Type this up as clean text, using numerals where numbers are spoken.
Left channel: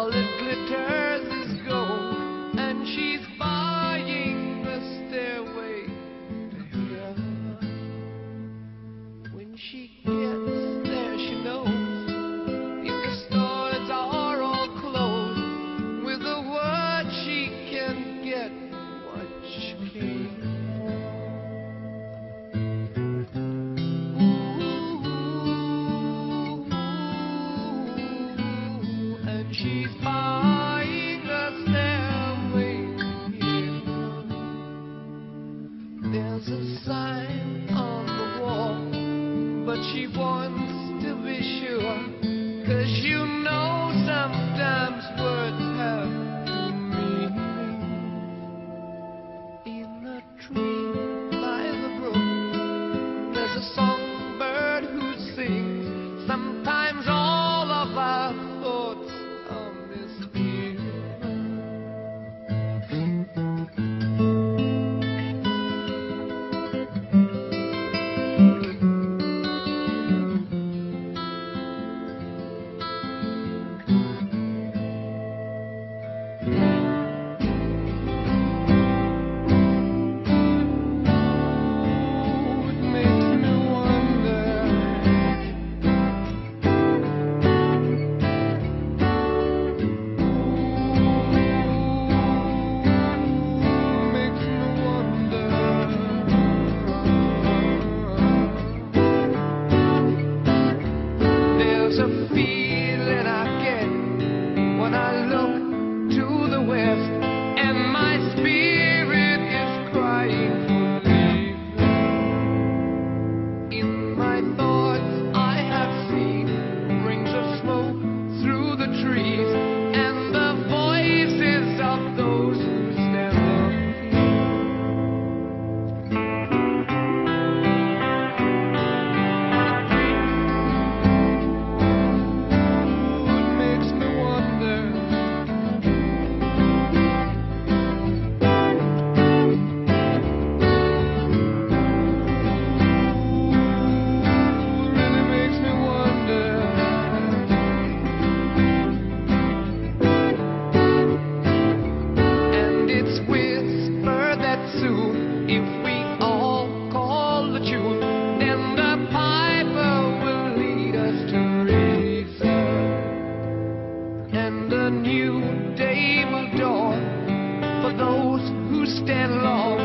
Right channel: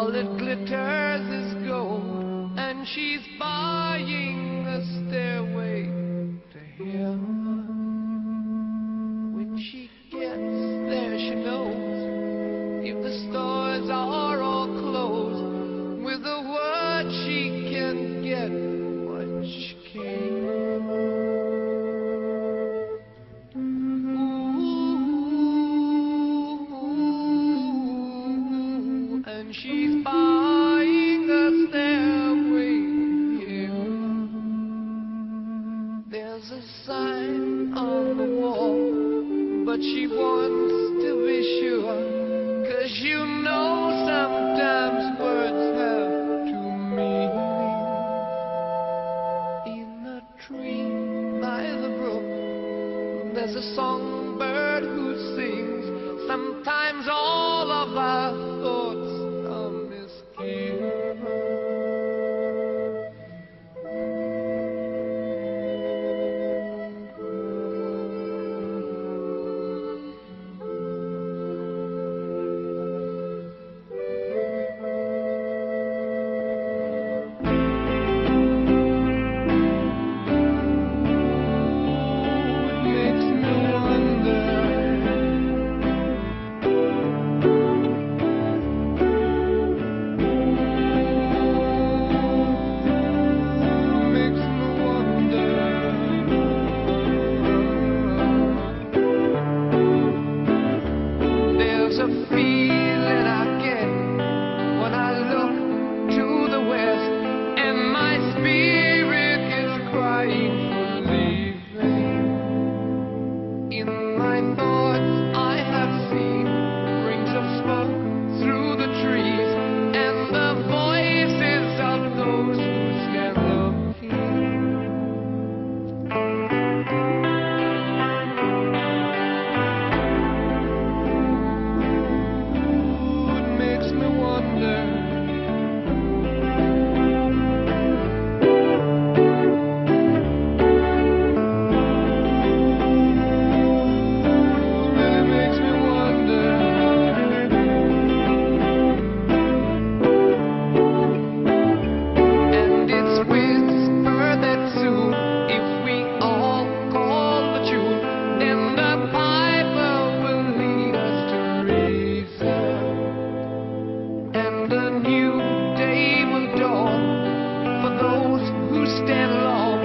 All that glitters is gold, and she's buying a stairway to heaven. When she gets there, she knows if the stores are all closed, with a word she can get what she came for. Ooh, and she's buying a stairway here. There's a sign on the wall, but she wants to be sure, 'cause you know sometimes words have two meanings. In a tree by the brook, there's a songbird who sings. Sometimes all of our thoughts are misgiven. There's a feeling I get when I look to the west, and my spirit is crying for leaving. In my thoughts I have seen rings of smoke through the trees, and the voices of those who stand looking. If we all call the tune, then the piper will lead us to reason, and a new day will dawn for those who stand long